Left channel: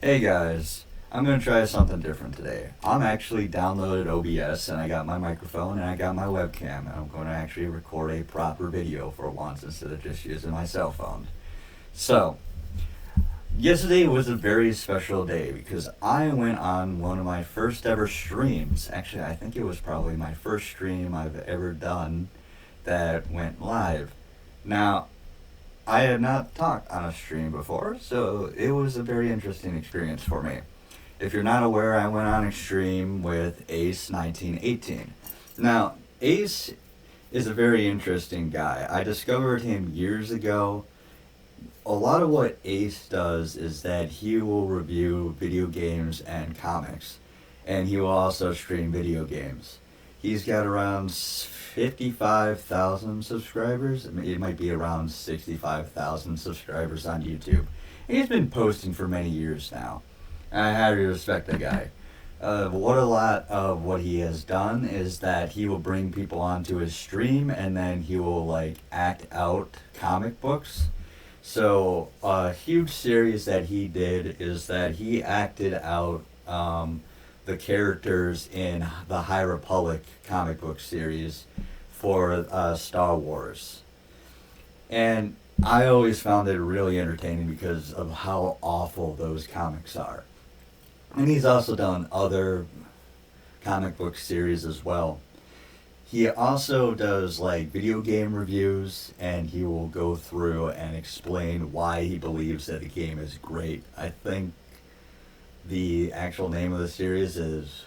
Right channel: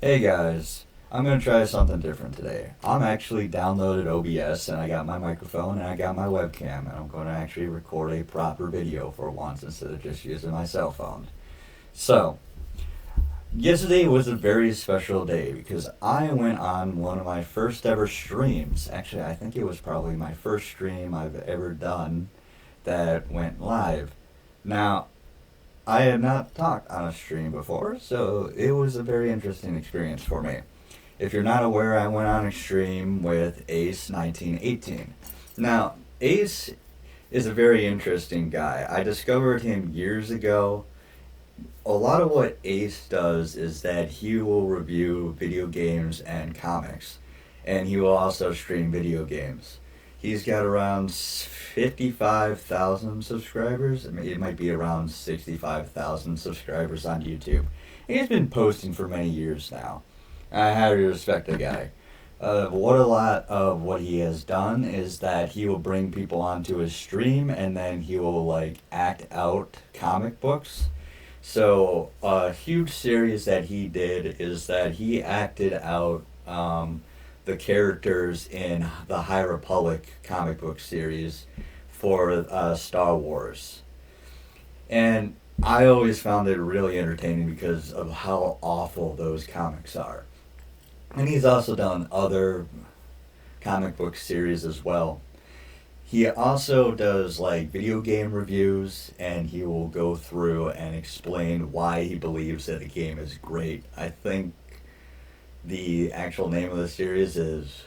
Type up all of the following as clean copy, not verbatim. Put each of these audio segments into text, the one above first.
Hey guys, I'm gonna try something different today. I'm actually downloaded OBS and I got my microphone and I got my webcam and I'm gonna actually record a proper video for once instead of just using my cell phone. So, yesterday was a very special day because I went on one of my first ever streams. Actually, I think it was probably my first stream I've ever done that went live. Now, I have not talked on a stream before, so it was a very interesting experience for me. If you're not aware, I went on a stream with Ace 1918. Now, Ace is a very interesting guy. I discovered him years ago. A lot of what Ace does is that he will review video games and comics, and he will also stream video games. He's got around 55,000 subscribers. I mean, it might be around 65,000 subscribers on YouTube. And he's been posting for many years now. I highly respect the guy. What a lot of what he has done is that he will bring people onto his stream and then he will like act out comic books. So a huge series that he did is that he acted out the characters in the High Republic comic book series for Star Wars. And I always found it really entertaining because of how awful those comics are. And he's also done other comic book series as well. He also does like video game reviews and he will go through and explain why he believes that a game is great. I think the actual name of the series is,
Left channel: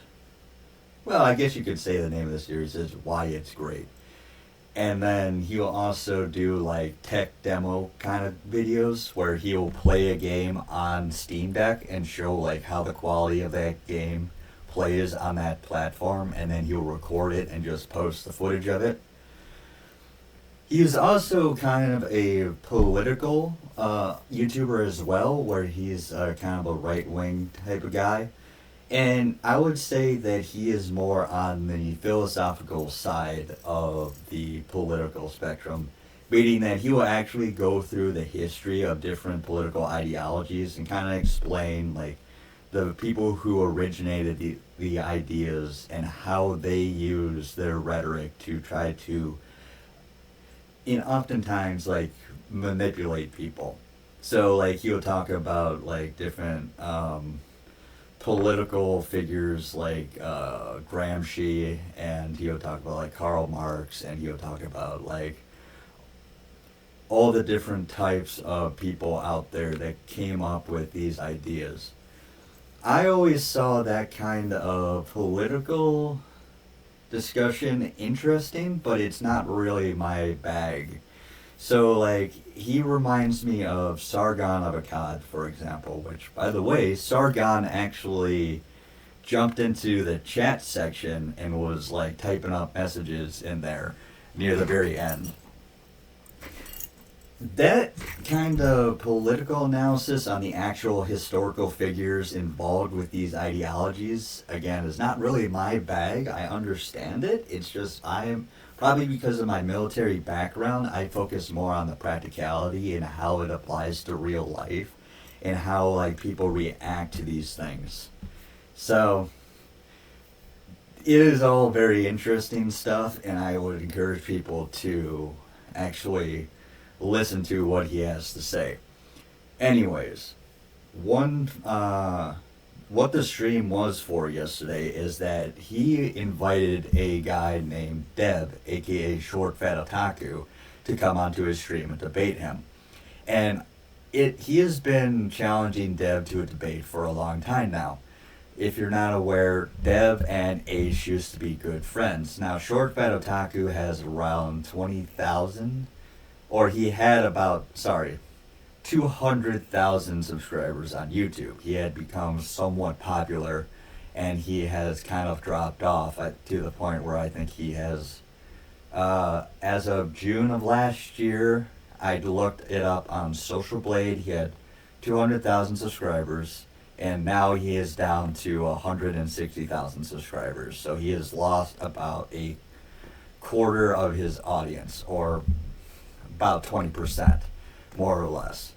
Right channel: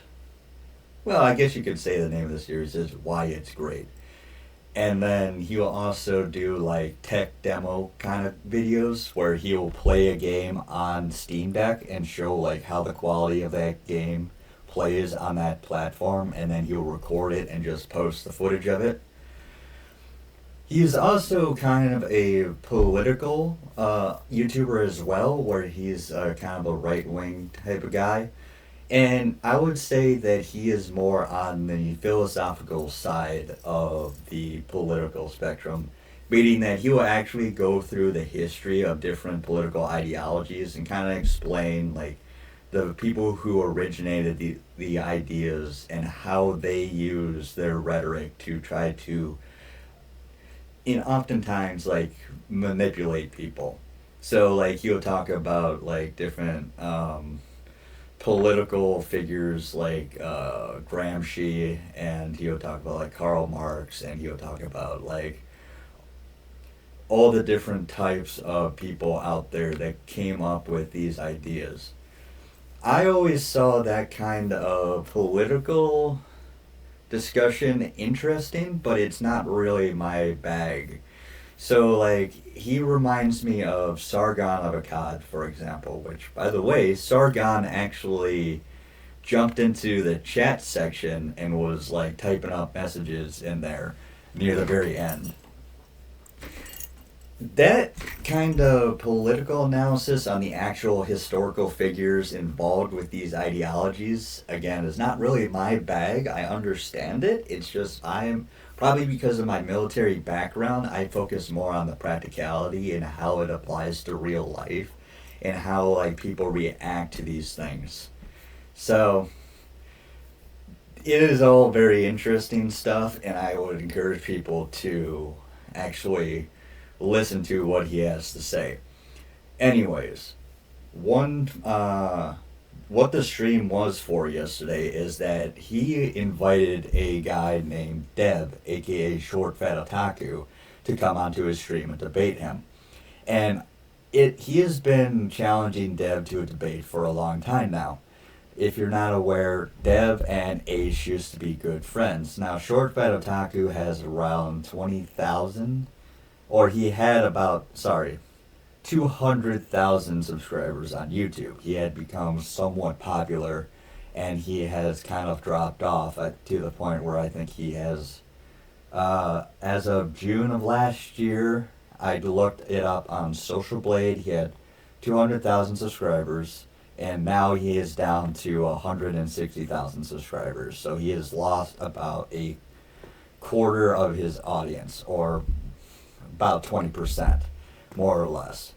well, I guess you could say the name of the series is Why It's Great. And then he'll also do like tech demo kind of videos where he'll play a game on Steam Deck and show like how the quality of that game plays on that platform, and then he'll record it and just post the footage of it. He's also kind of a political YouTuber as well, where he's kind of a right wing type of guy. And I would say that he is more on the philosophical side of the political spectrum, meaning that he will actually go through the history of different political ideologies and kind of explain like the people who originated the ideas and how they use their rhetoric to try to, in oftentimes like manipulate people. So like he'll talk about like different political figures like Gramsci, and he'll talk about like Karl Marx, and he'll talk about like all the different types of people out there that came up with these ideas. I always saw that kind of political discussion interesting, but it's not really my bag. So, like, he reminds me of Sargon of Akkad, for example, which, by the way, Sargon actually jumped into the chat section and was, like, typing up messages in there near the very end. That kind of political analysis on the actual historical figures involved with these ideologies, again, is not really my bag. I understand it. It's just I'm probably because of my military background, I focus more on the practicality and how it applies to real life and how like people react to these things. So it is all very interesting stuff, and I would encourage people to actually listen to what he has to say. Anyways, one what the stream was for yesterday is that he invited a guy named Deb, aka ShortFatOtaku, to come onto his stream and debate him. And he has been challenging Deb to a debate for a long time now. If you're not aware, Dev and Ace used to be good friends. Now, ShortFatOtaku has around 20,000, or he had about, sorry, 200,000 subscribers on YouTube. He had become somewhat popular, and he has kind of dropped off to the point where I think he has, as of June of last year, I looked it up on Social Blade, he had 200,000 subscribers, and now he is down to 160,000 subscribers. So he has lost about a quarter of his audience, or about 20%, more or less.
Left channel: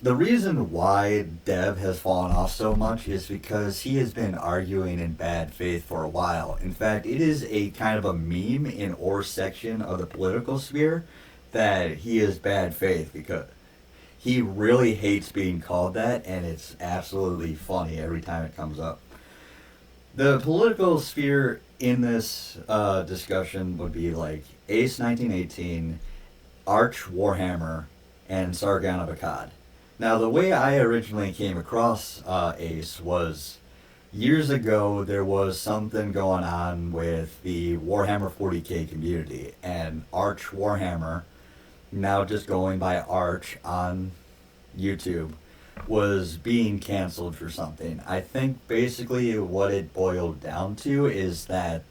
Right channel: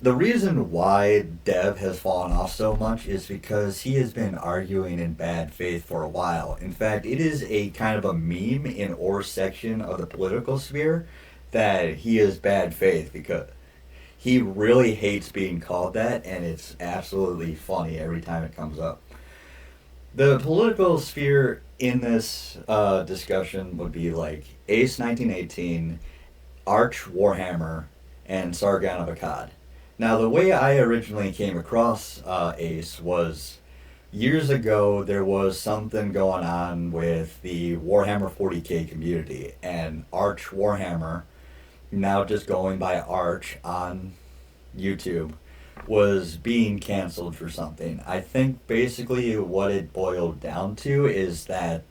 The reason why Dev has fallen off so much is because he has been arguing in bad faith for a while. In fact, it is a kind of a meme in our section of the political sphere that he is bad faith because he really hates being called that, and it's absolutely funny every time it comes up. The political sphere in this discussion would be like Ace 1918, Arch Warhammer, and Sargon of Akkad. Now, the way I originally came across Ace was years ago. There was something going on with the Warhammer 40k community, and Arch Warhammer, now just going by Arch on YouTube, was being canceled for something. I think basically what it boiled down to is that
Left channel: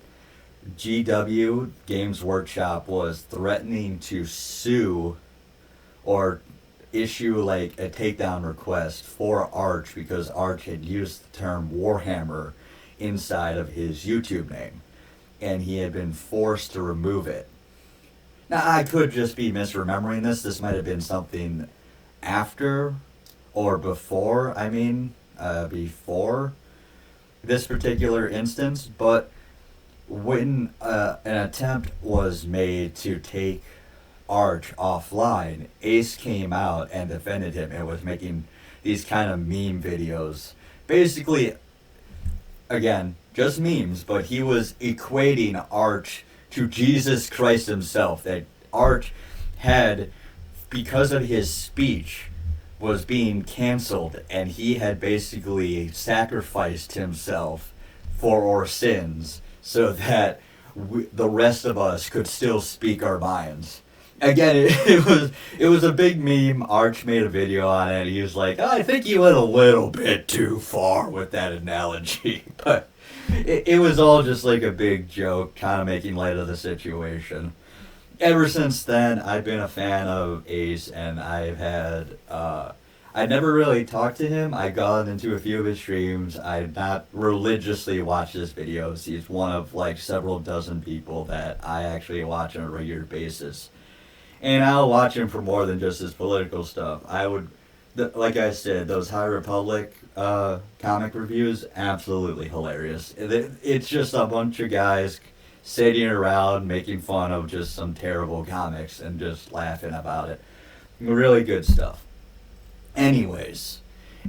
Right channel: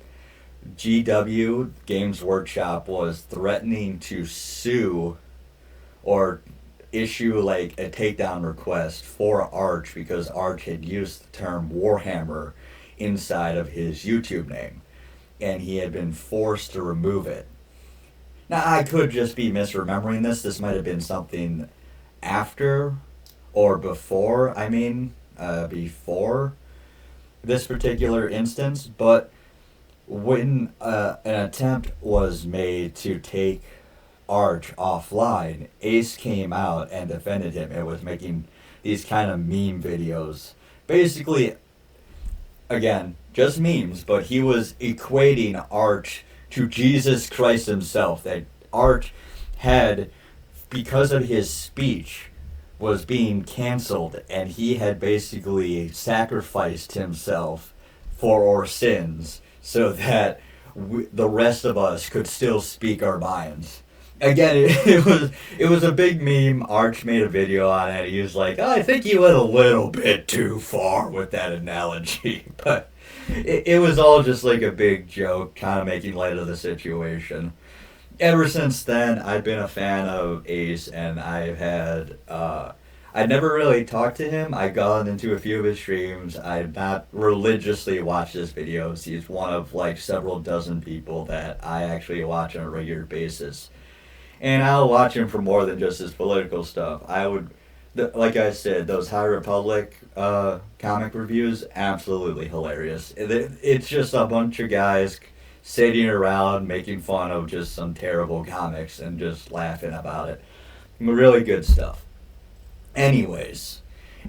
GW, Games Workshop, was threatening to sue or issue like a takedown request for Arch because Arch had used the term Warhammer inside of his YouTube name, and he had been forced to remove it. Now, I could just be misremembering this. This might have been something after or before, before this particular instance, but when an attempt was made to take Arch offline, Ace came out and defended him and was making these kind of meme videos. Basically, again, just memes, but he was equating Arch to Jesus Christ himself. That Arch had, because of his speech, was being canceled, and he had basically sacrificed himself for our sins so that the rest of us could still speak our minds. Again, it was a big meme. Arch made a video on it. He was like, oh, I think he went a little bit too far with that analogy. But it was all just like a big joke, kind of making light of the situation. Ever since then, I've been a fan of Ace, and I've had, I never really talked to him. I've gone into a few of his streams. I've not religiously watched his videos. He's one of like several dozen people that I actually watch on a regular basis. And I'll watch him for more than just his political stuff. Like I said, those High Republic comic reviews, absolutely hilarious. It's just a bunch of guys sitting around making fun of just some terrible comics and just laughing about it. Really good stuff. Anyways,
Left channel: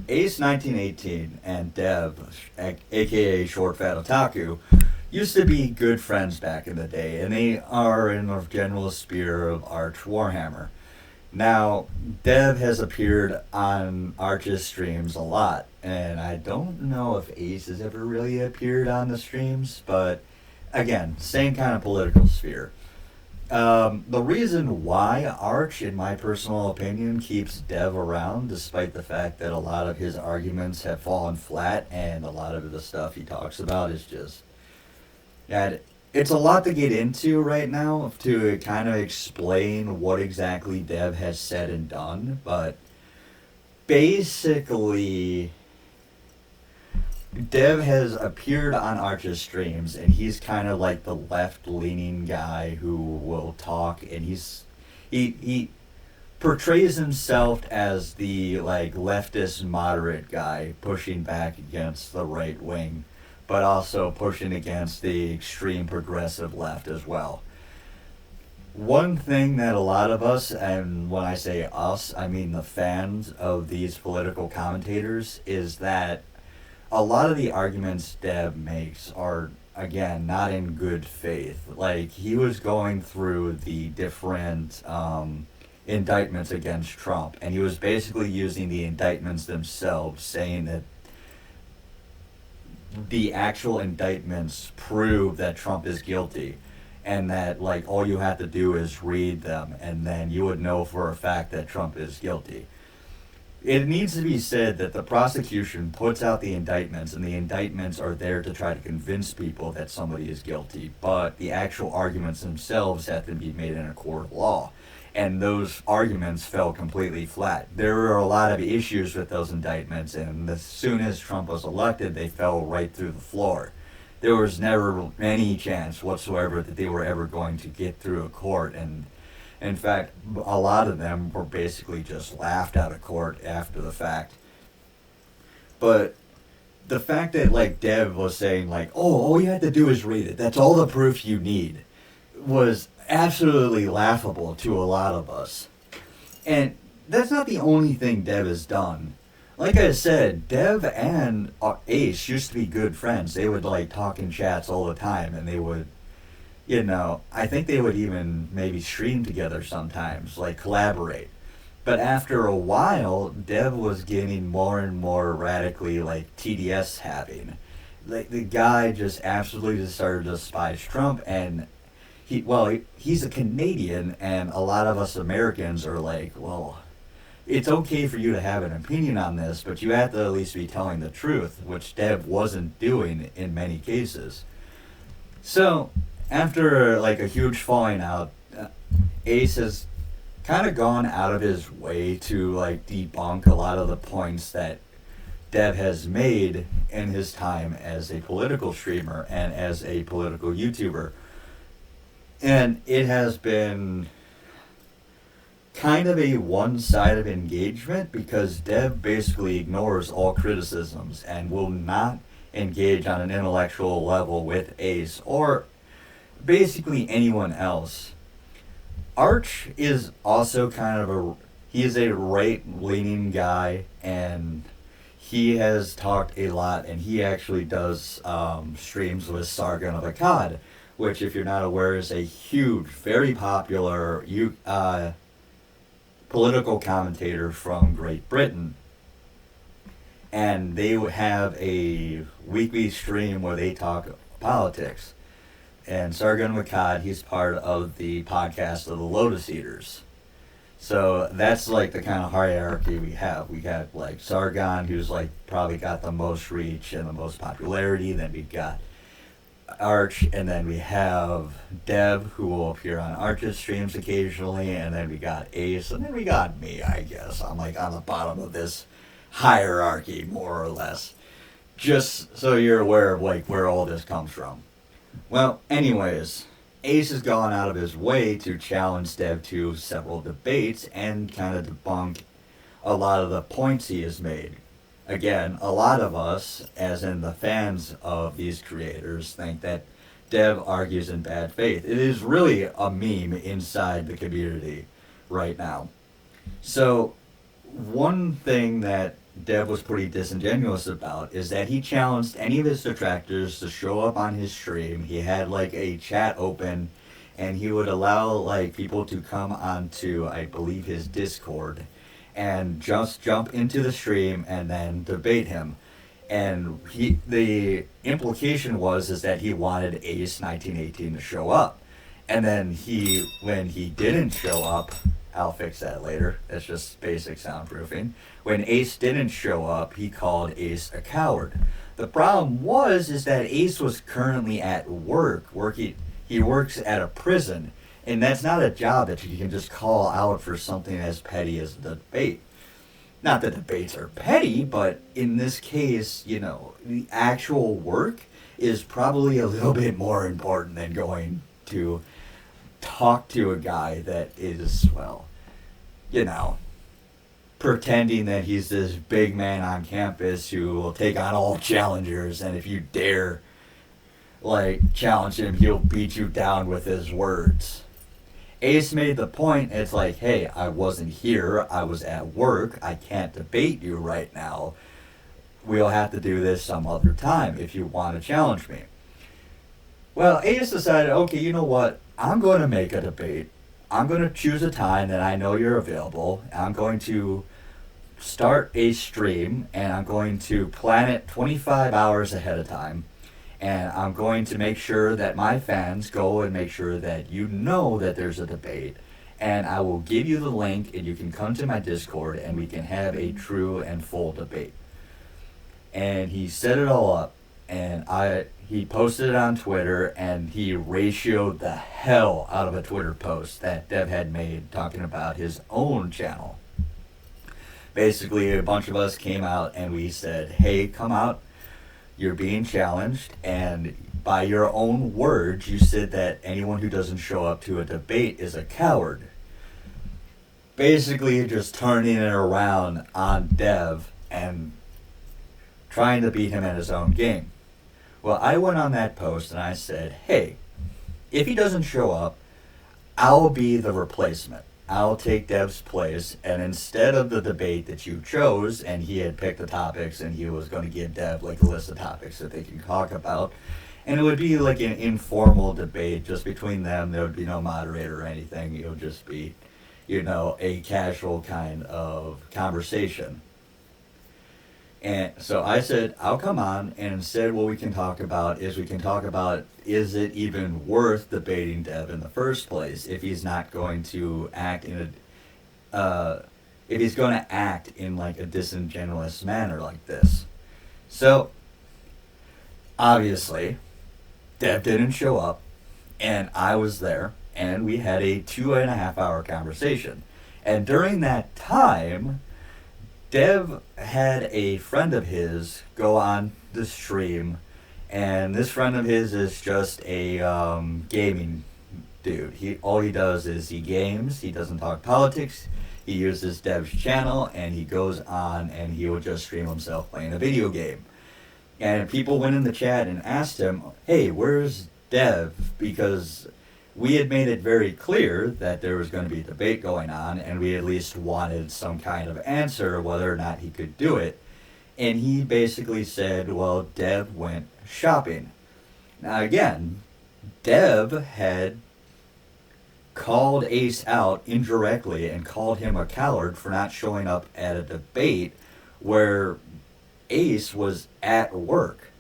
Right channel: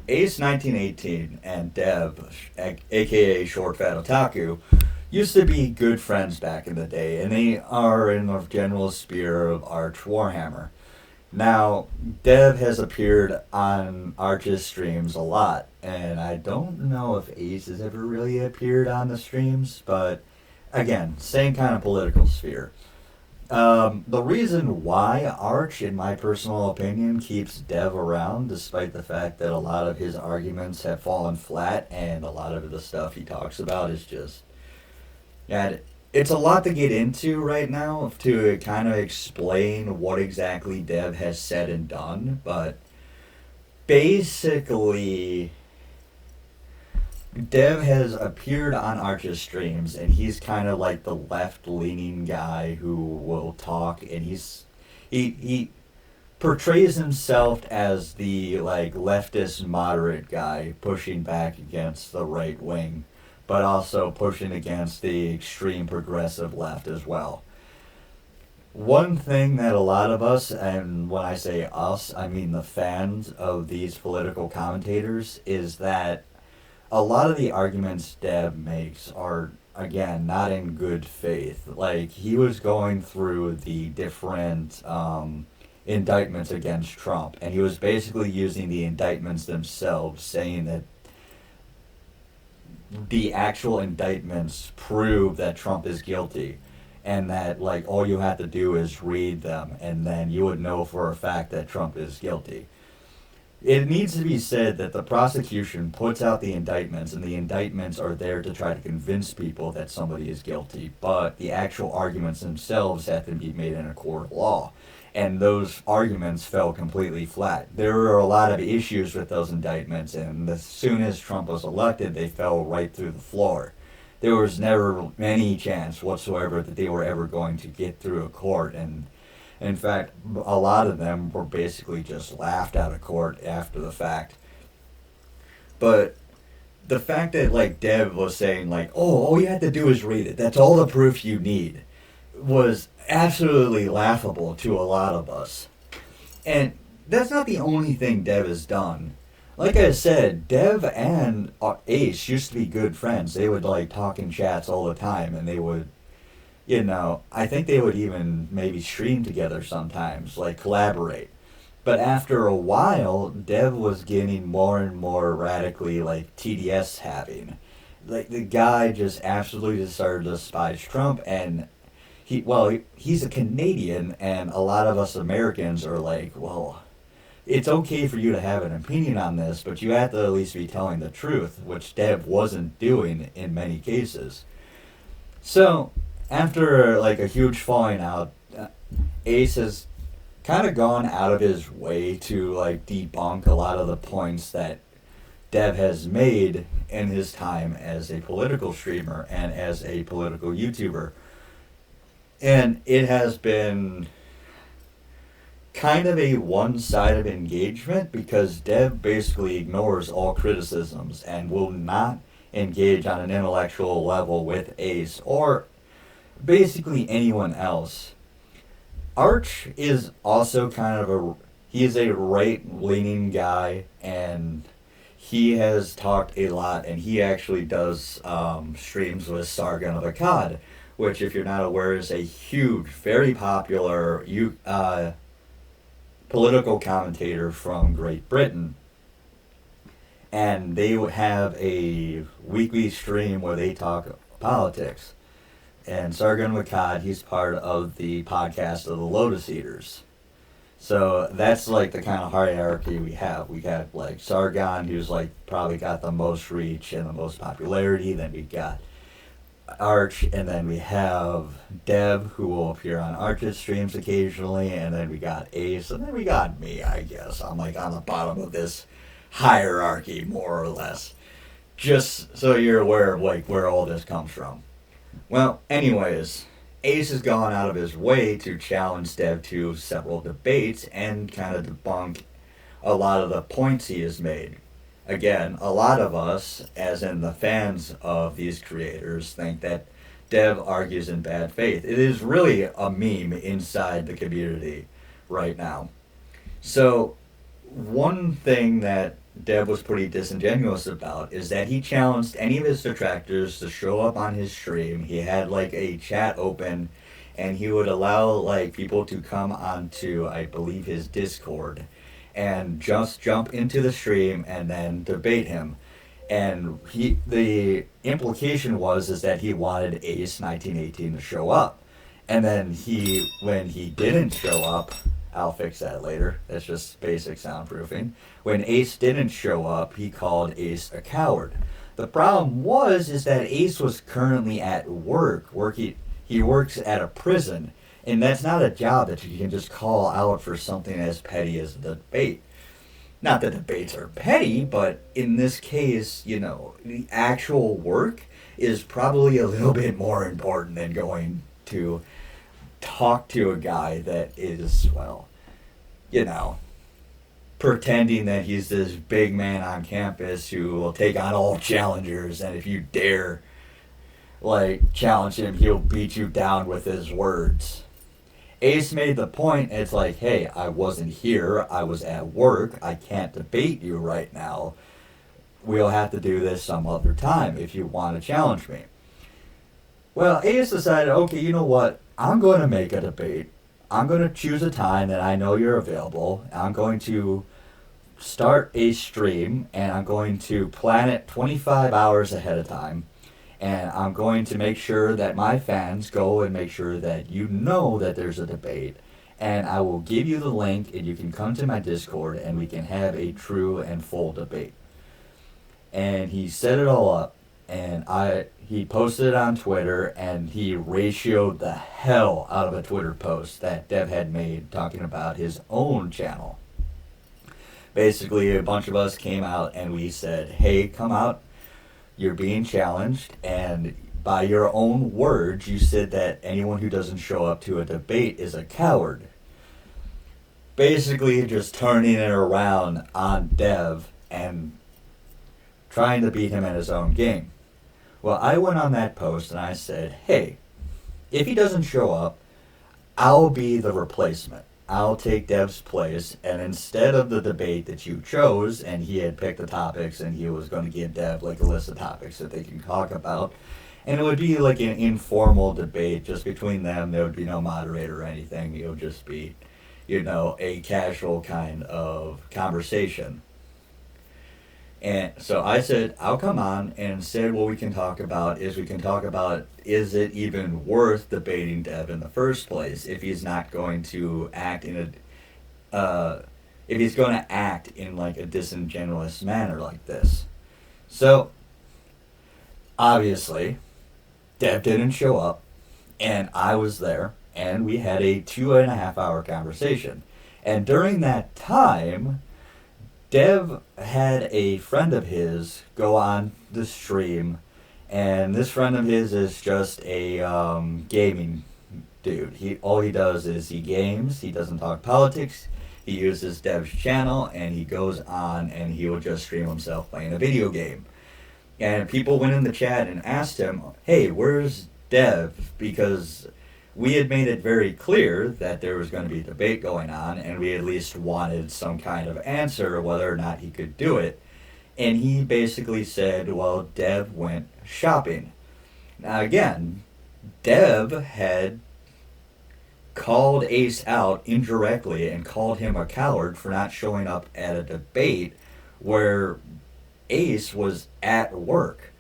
Ace 1918 and Dev, aka ShortFatOtaku, used to be good friends back in the day, and they are in the general sphere of Arch Warhammer. Now, Dev has appeared on Arch's streams a lot, and I don't know if Ace has ever really appeared on the streams, but again, same kind of political sphere. The reason why Arch, in my personal opinion, keeps Dev around, despite the fact that a lot of his arguments have fallen flat and a lot of the stuff he talks about is just... And it's a lot to get into right now to kind of explain what exactly Dev has said and done, but basically Dev has appeared on Arch's streams, and he's kind of like the left-leaning guy who will talk, and he portrays himself as the like leftist moderate guy pushing back against the right wing, but also pushing against the extreme progressive left as well. One thing that a lot of us, and when I say us, I mean the fans of these political commentators, is that a lot of the arguments Deb makes are, again, not in good faith. Like, he was going through the different indictments against Trump, and he was basically using the indictments themselves, saying that the actual indictments prove that Trump is guilty, and that, like, all you have to do is read them, and then you would know for a fact that Trump is guilty. It needs to be said that the prosecution puts out the indictments, and the indictments are there to try to convince people that somebody is guilty, but the actual arguments themselves have to be made in a court of law. And those arguments fell completely flat. There were a lot of issues with those indictments, and as soon as Trump was elected, they fell right through the floor. There was never any chance whatsoever that they were ever going to get through a court, and In fact, a lot of them were basically just laughed out of court after the fact. But the fact that like Dev was saying like, oh, all you have to do is read it. That's all the proof you need, was absolutely laughable to a lot of us. And that's not the only thing Dev has done. Like I said, Dev and Ace used to be good friends. They would like talk in chats all the time, and they would, I think they would even maybe stream together sometimes, like collaborate. But after a while, Dev was getting more and more radically like TDS having. Like the guy just absolutely just started to despise Trump, and he's a Canadian, and a lot of us Americans are like, well, it's okay for you to have an opinion on this, but you have to at least be telling the truth, which Dev wasn't doing in many cases. So, after like a huge falling out, Ace has kind of gone out of his way to like debunk a lot of the points that Dev has made in his time as a political streamer and as a political YouTuber. And it has been kind of a one-sided engagement because Dev basically ignores all criticisms and will not engage on an intellectual level with Ace or basically anyone else. Arch is also kind of he is a right-leaning guy, and he has talked a lot, and he actually does streams with Sargon of Akkad, which, if you're not aware, is a huge, very popular political commentator from Great Britain. And they have a weekly stream where they talk politics. And Sargon Akkad, he's part of the podcast of the Lotus Eaters. So that's like the kind of hierarchy we have. We have like Sargon, who's like probably got the most reach and the most popularity. Then we got Arch, and then we have Dev, who will appear on Arch's streams occasionally, and then we got Ace, and then we got me, I guess. I'm like on the bottom of this hierarchy, more or less. Just so you're aware of like where all this comes from. Well, anyways, Ace has gone out of his way to challenge Dev to several debates and kind of debunk a lot of the points he has made. Again, a lot of us, as in the fans of these creators, think that Dev argues in bad faith. It is really a meme inside the community right now. So, one thing that Dev was pretty disingenuous about is that he challenged any of his detractors to show up on his stream. He had like a chat open, and he would allow like people to come onto, I believe, his Discord and just jump into the stream and then debate him. And the implication is that he wanted Ace 1918 to show up. And then when he didn't show up, I'll fix that later. That's just basic soundproofing. When Ace didn't show up, he called Ace a coward. The problem is that Ace was currently at work. He works at a prison. And that's not a job that you can just call out for something as petty as a debate. Not that debates are petty, but in this case, the actual work is probably a little bit more important than going to talk to a guy that is, pretending that he's this big man on campus who will take on all challengers, and if you dare, challenge him, he'll beat you down with his words. Ace made the point, it's like, hey, I wasn't here, I was at work, I can't debate you right now. We'll have to do this some other time if you want to challenge me. Well, Ace decided, okay, you know what, I'm going to make a debate. I'm going to choose a time that I know you're available. I'm going to start a stream, and I'm going to plan it 25 hours ahead of time. And I'm going to make sure that my fans go and make sure that you know that there's a debate. And I will give you the link, and you can come to my Discord, and we can have a true and full debate. And he set it all up, and he posted it on Twitter, and he ratioed the hell out of a Twitter post that Dev had made talking about his own channel. Basically, a bunch of us came out, and we said, hey, come out. You're being challenged, and by your own words, you said that anyone who doesn't show up to a debate is a coward. basically just turning it around on Dev and trying to beat him at his own game. Well, I went on that post and I said, hey, if he doesn't show up, I'll be the replacement. I'll take Dev's place, and instead of the debate that you chose, and he had picked the topics, and he was going to give Dev like a list of topics that they can talk about, and it would be like an informal debate just between them. There would be no moderator or anything. It would just be, a casual kind of conversation. And so I said, I'll come on, and instead what we can talk about is is it even worth debating Dev in the first place if he's not going to act if he's going to act in like a disingenuous manner like this. So, obviously, Dev didn't show up, and I was there, and we had a 2.5-hour conversation. And during that time, Dev had a friend of his go on the stream, and this friend of his is just a gaming dude. All he does is he games. He doesn't talk politics. He uses Dev's channel, and he goes on and he will just stream himself playing a video game. And people went in the chat and asked him, "Hey, where's Dev?" Because we had made it very clear that there was going to be a debate going on, and we at least wanted some kind of answer whether or not he could do it. And he basically said, well, Dev went shopping. Now again, Dev had called Ace out indirectly and called him a coward for not showing up at a debate where Ace was at work.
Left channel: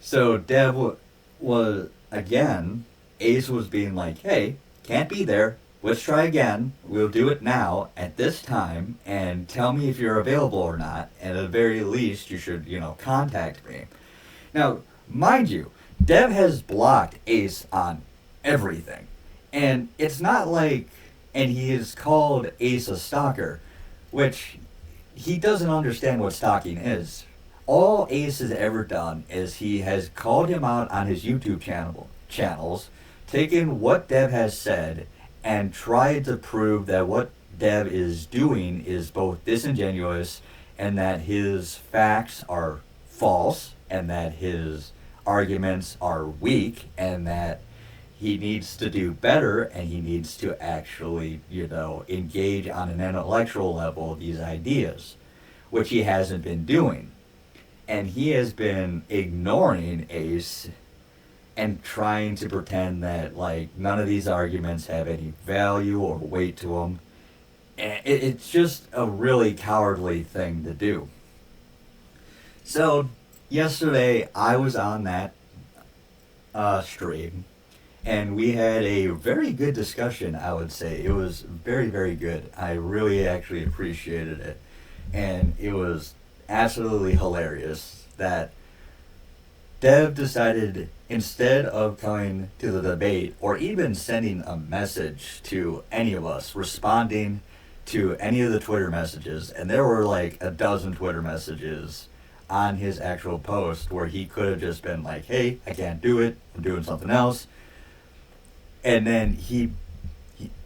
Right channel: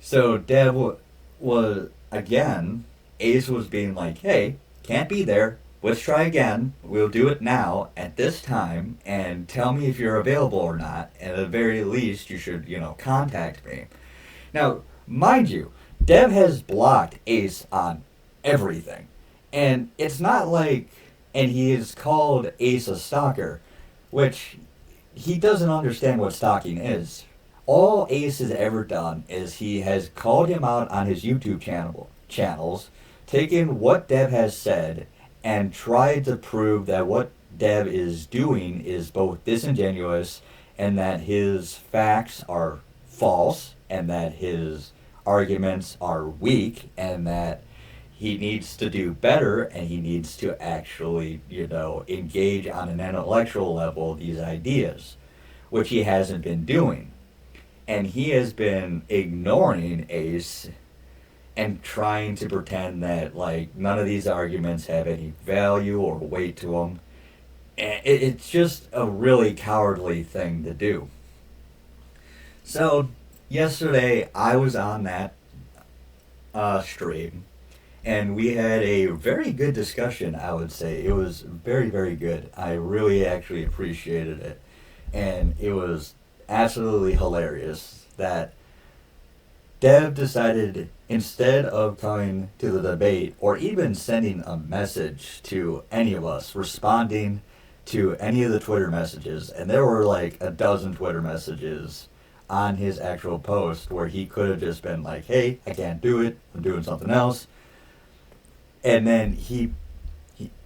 So Dev was, again, Ace was being like, hey, can't be there. Let's try again. We'll do it now at this time and tell me if you're available or not. And at the very least, you should, contact me. Now, mind you, Dev has blocked Ace on everything. And it's not like, and he has called Ace a stalker, which he doesn't understand what stalking is. All Ace has ever done is he has called him out on his YouTube channels, taken what Dev has said and tried to prove that what Dev is doing is both disingenuous and that his facts are false and that his arguments are weak and that he needs to do better and he needs to actually, engage on an intellectual level these ideas, which he hasn't been doing. And he has been ignoring Ace and trying to pretend that, none of these arguments have any value or weight to them. And it's just a really cowardly thing to do. So, yesterday, I was on that stream, and we had a very good discussion, I would say. It was very, very good. I really actually appreciated it. And it was absolutely hilarious that Dev decided, instead of coming to the debate or even sending a message to any of us, responding to any of the Twitter messages, and there were like a dozen Twitter messages on his actual post where he could have just been like, hey, I can't do it, I'm doing something else. And then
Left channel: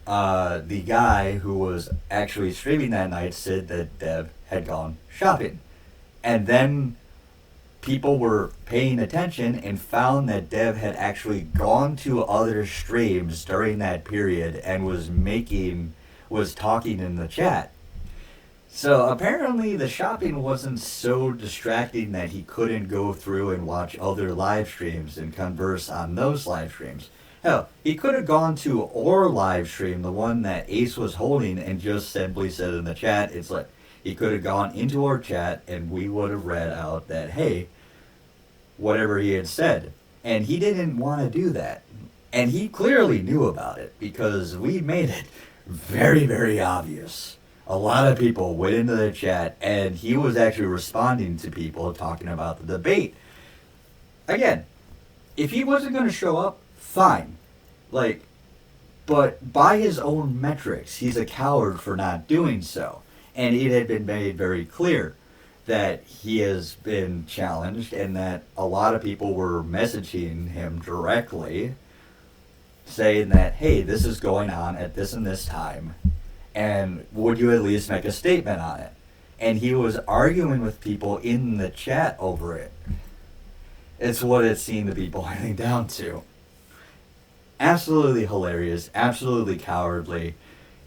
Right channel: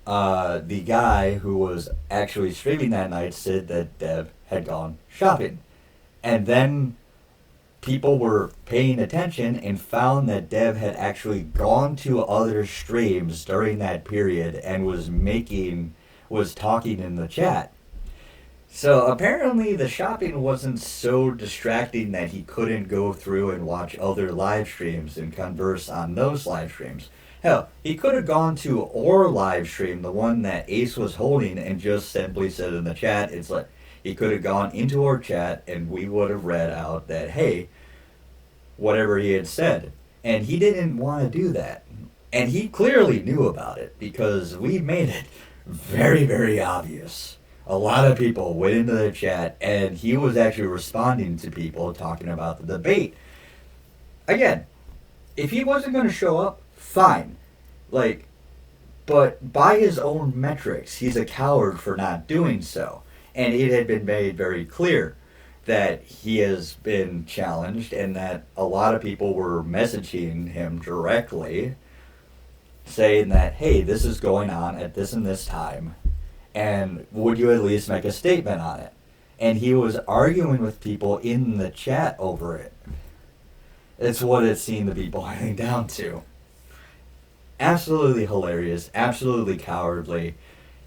the guy who was actually streaming that night said that Dev had gone shopping. And then people were paying attention and found that Dev had actually gone to other streams during that period and was talking in the chat. So apparently the shopping wasn't so distracting that he couldn't go through and watch other live streams and converse on those live streams. Hell, he could have gone to our live stream, the one that Ace was holding, and just simply said in the chat, it's like, he could have gone into our chat and we would have read out that, hey, whatever he had said. And he didn't want to do that. And he clearly knew about it because we made it very, very obvious. A lot of people went into the chat and he was actually responding to people talking about the debate. Again, if he wasn't going to show up, fine. But by his own metrics, he's a coward for not doing so. And it had been made very clear that he has been challenged and that a lot of people were messaging him directly saying that, hey, this is going on at this and this time And would you at least make a statement on it? And he was arguing with people in the chat over it. It's what it seemed to be boiling down to. Absolutely hilarious, absolutely cowardly,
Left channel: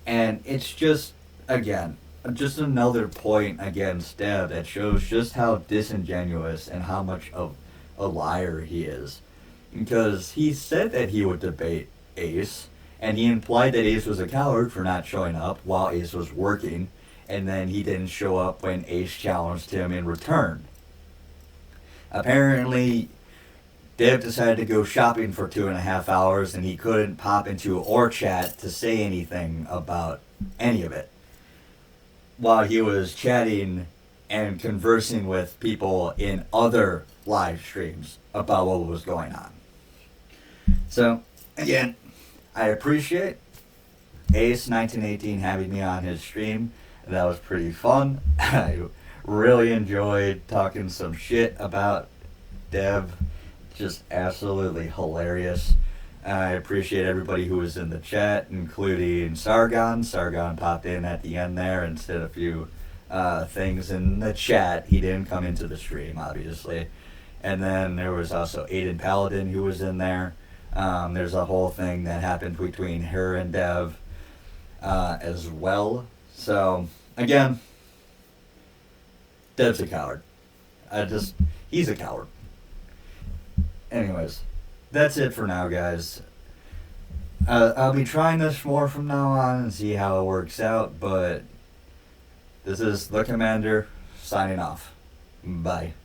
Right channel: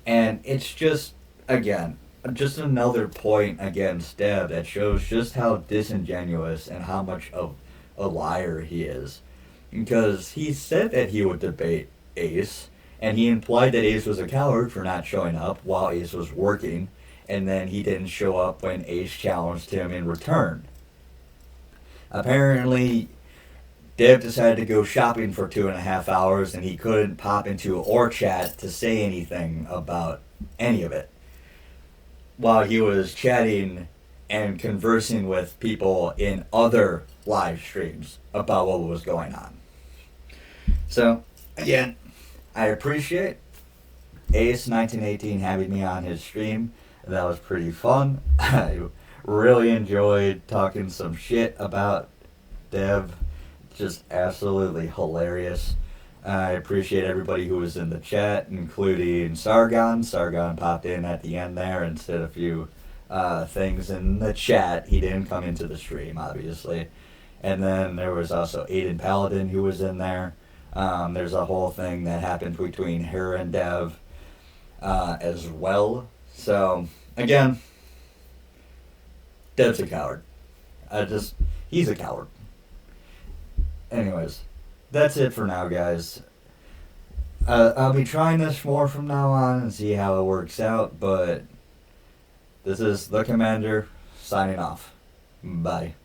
and it's just, again, just another point against Dev that shows just how disingenuous and how much of a liar he is. Because he said that he would debate Ace, and he implied that Ace was a coward for not showing up while Ace was working, and then he didn't show up when Ace challenged him in return. Apparently, Dev decided to go shopping for 2.5 hours, and he couldn't pop into or chat to say anything about any of it, while he was chatting and conversing with people in other live streams about what was going on. So, again, I appreciate Ace1918 having me on his stream. That was pretty fun. I really enjoyed talking some shit about Dev. Just absolutely hilarious. I appreciate everybody who was in the chat, including Sargon. Sargon popped in at the end there and said a few things in the chat. He didn't come into the stream, obviously. And then there was also Aiden Paladin who was in there. There's a whole thing that happened between her and Dev as well. So, again, Dev's a coward. He's a coward. Anyways, that's it for now, guys. I'll be trying this more from now on and see how it works out, but this is The Commander signing off. Bye.